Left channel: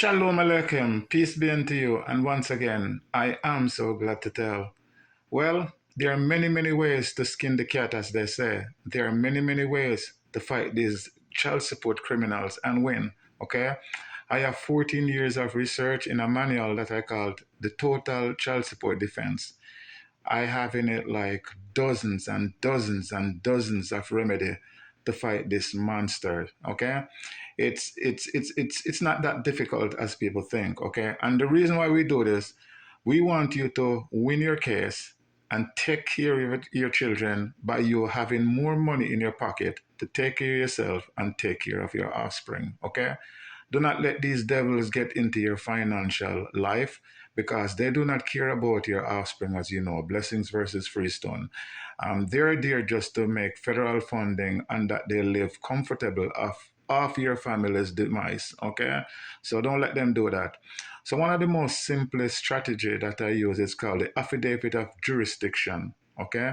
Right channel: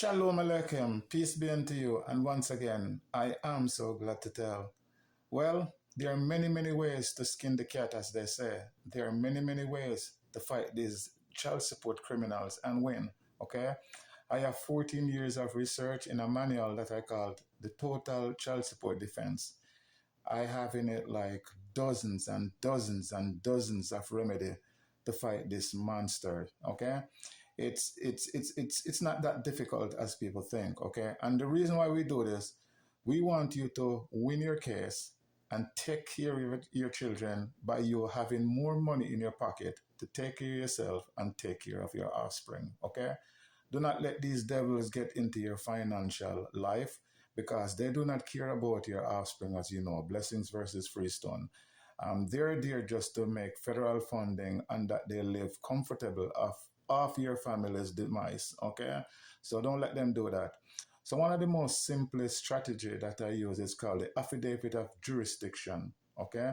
Shalom Aleichem, peace be unto you. And once again, I am so glad to tell. Well, there are many, many ways to skin the cat, as they say. There are many, many ways to fight these child support criminals and win. Okay? I have 14 years of research in a manual that I called the Total Child Support Defense. I have in it like dozens and dozens and dozens of remedy to fight this monster. Okay, it's not that difficult as people think. Okay, and the reason why we do this, we want you to win your case and take care of your children by you having more money in your pocket to take care of yourself and take care of your offspring. Okay, do not let these devils get into your financial life because they do not care about your offspring, as you know, blessings versus freestone. They're there just to make federal funding and that they live comfortable off your family's demise, okay? So don't let them do that. So one of the most simplest strategy that I use is called the Affidavit of Jurisdiction, okay?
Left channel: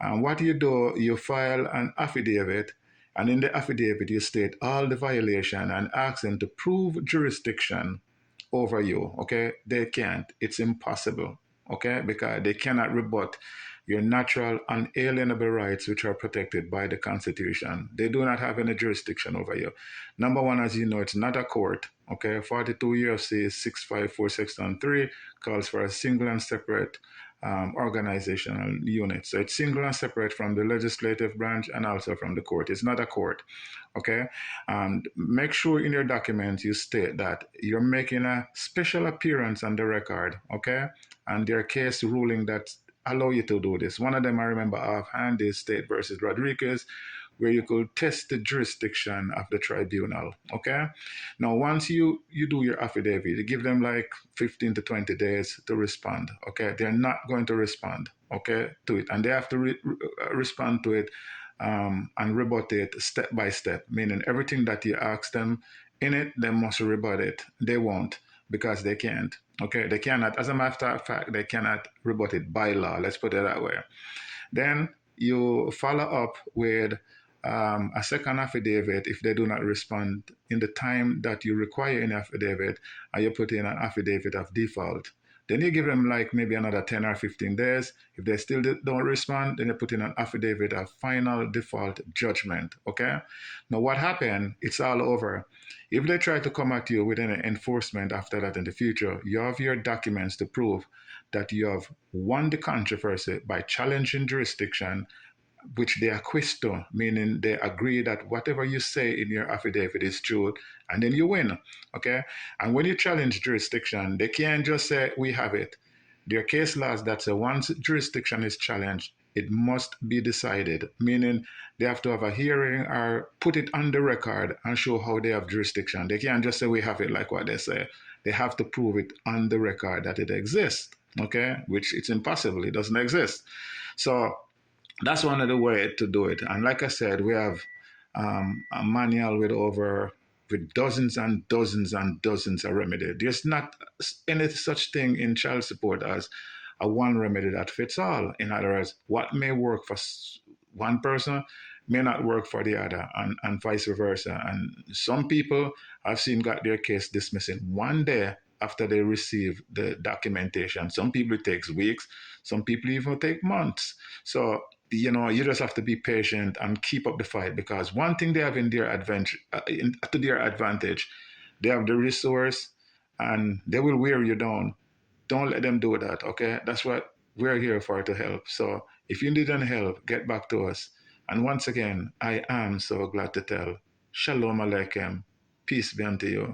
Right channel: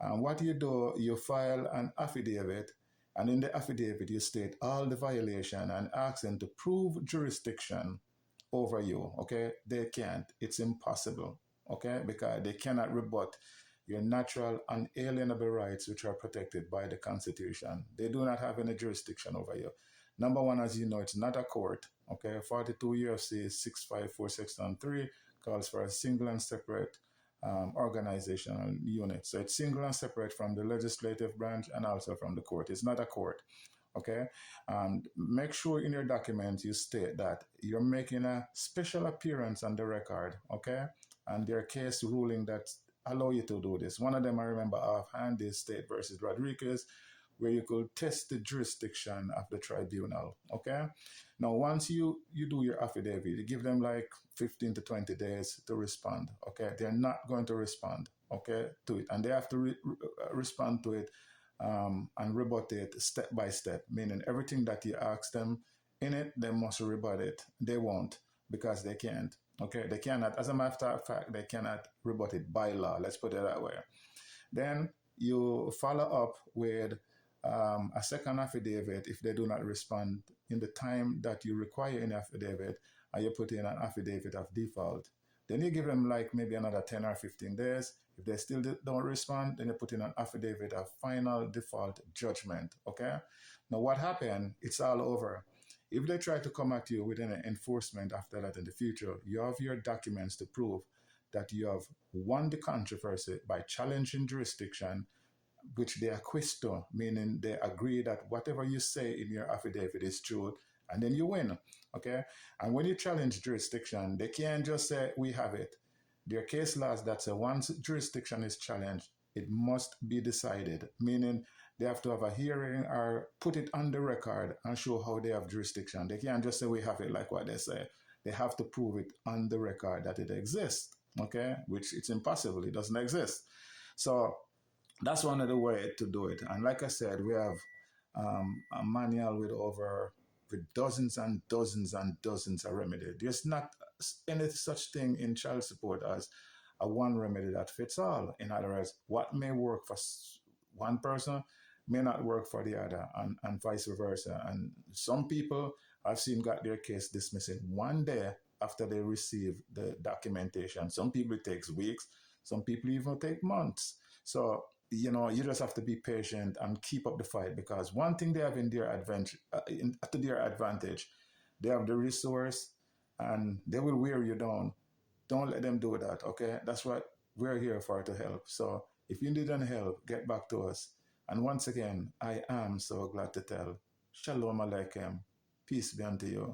And what you do, you file an affidavit, and in the affidavit, you state all the violation and ask them to prove jurisdiction over you. Okay, they can't. It's impossible. Okay, because they cannot rebut your natural unalienable rights, which are protected by the Constitution. They do not have any jurisdiction over you. Number one, as you know, it's not a court. Okay, 42 U.S.C. 654 Section 3 calls for a single and separate organizational unit. So it's single and separate from the legislative branch and also from the court. It's not a court. Okay, and make sure in your documents you state that you're making a special appearance on the record. Okay, and there are case ruling that allow you to do this. One of them I remember offhand is State versus Rodriguez, where you could test the jurisdiction of the tribunal. Okay. Now, once you do your affidavit, you give them like 15 to 20 days to respond. Okay. They're not going to respond. Okay, to it, and they have to respond to it and rebut it step by step. Meaning everything that you ask them in it, they must rebut it. They won't because they can't. Okay, they cannot. As a matter of fact, they cannot rebut it by law. Let's put it that way. Then you follow up with a second affidavit if they do not respond in the time that you require in affidavit, and you put in an affidavit of default. Then you give them like maybe another 10 or 15 days. If they still don't respond, then you put in an affidavit of final default judgment. Okay? Now what happened? It's all over. If they try to come at you with any enforcement after that in the future, you have your documents to prove that you have won the controversy by challenging jurisdiction, which they acquiesce to, meaning they agree that whatever you say in your affidavit is true, and then you win. Okay? And when you challenge jurisdiction, they can't just say, we have it. There are case laws that say once jurisdiction is challenged, it must be decided, meaning they have to have a hearing or put it on the record and show how they have jurisdiction. They can't just say we have it like what they say. They have to prove it on the record that it exists, okay? Which it's impossible, it doesn't exist. So that's one of the ways to do it. And like I said, we have a manual with dozens and dozens and dozens of remedies. There's not any such thing in child support as a one remedy that fits all. In other words, what may work for one person may not work for the other, and vice versa. And some people I've seen got their case dismissed in one day after they receive the documentation. Some people it takes weeks, some people even take months. So you just have to be patient and keep up the fight, because one thing they have in their advantage, they have the resource and they will wear you down. Don't let them do that, okay? That's what we're here for, to help. So if you need any help, get back to us. And once again, I am so glad to tell. Shalom Aleichem. Peace be unto you.